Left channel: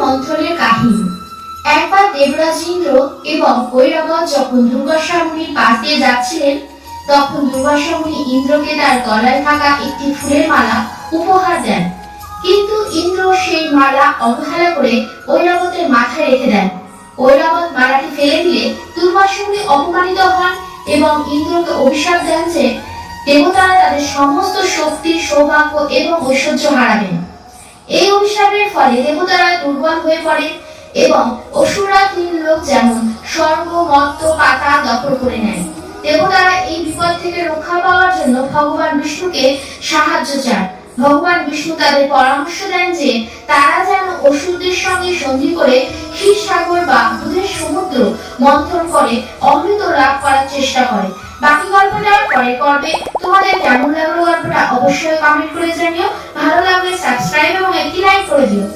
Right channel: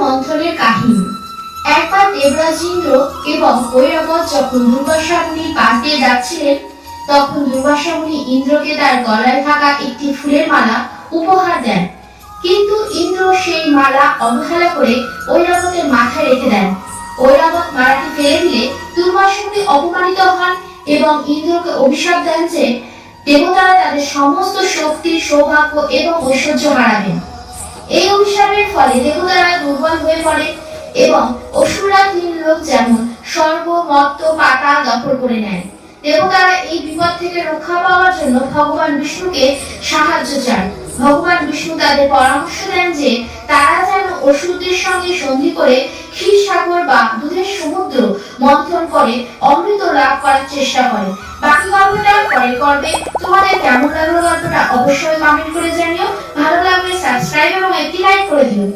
মন্থনের কাহিনী। একবার দেবরাজ ইন্দ্র এবং ঐরাবত যখন দুর্বাসা মুনির পাশ দিয়ে যাচ্ছিলেন, তখন দুর্বাসা মুনি ইন্দ্রকে তার গলায় থাকা একটি ফুলের মালা উপহার দেন। কিন্তু ইন্দ্র সেই মালা অবহেলা করে ঐরাবতের মাথায় রেখে দেন। ঐরাবত মালাটি ফেলে দিলে দুর্বাসা মুনি অপমানিত হন এবং ইন্দ্রকে অভিশাপ দেন যে দেবতারা তাদের সমস্ত শক্তি, সৌভাগ্য এবং ঐশ্বর্য হারাবেন। এই অভিশাপের ফলে দেবতারা দুর্বল হয়ে পড়ে এবং অসুররা তিন লোক যেমন স্বর্গ, মর্ত্য, পাতাল দখল করে নেয়। দেবতারা এই বিপদ থেকে রক্ষা পাওয়ার জন্য ভগবান বিষ্ণুকে সাহায্য চান। ভগবান বিষ্ণু তাদের পরামর্শ দেন যে তারা যেন অসুরদের সঙ্গে সন্ধি করে ক্ষীরসাগর বা দুধের সমুদ্র মন্থন করে অমৃত লাভ করার চেষ্টা করে। বাকি গল্পটা পরে করবে। তোমাদের কেমন লাগলো গল্পটা অবশ্যই কমেন্ট করে জানিও। ভালো লাগলে সাবস্ক্রাইব এবং একটি লাইক করে দিও।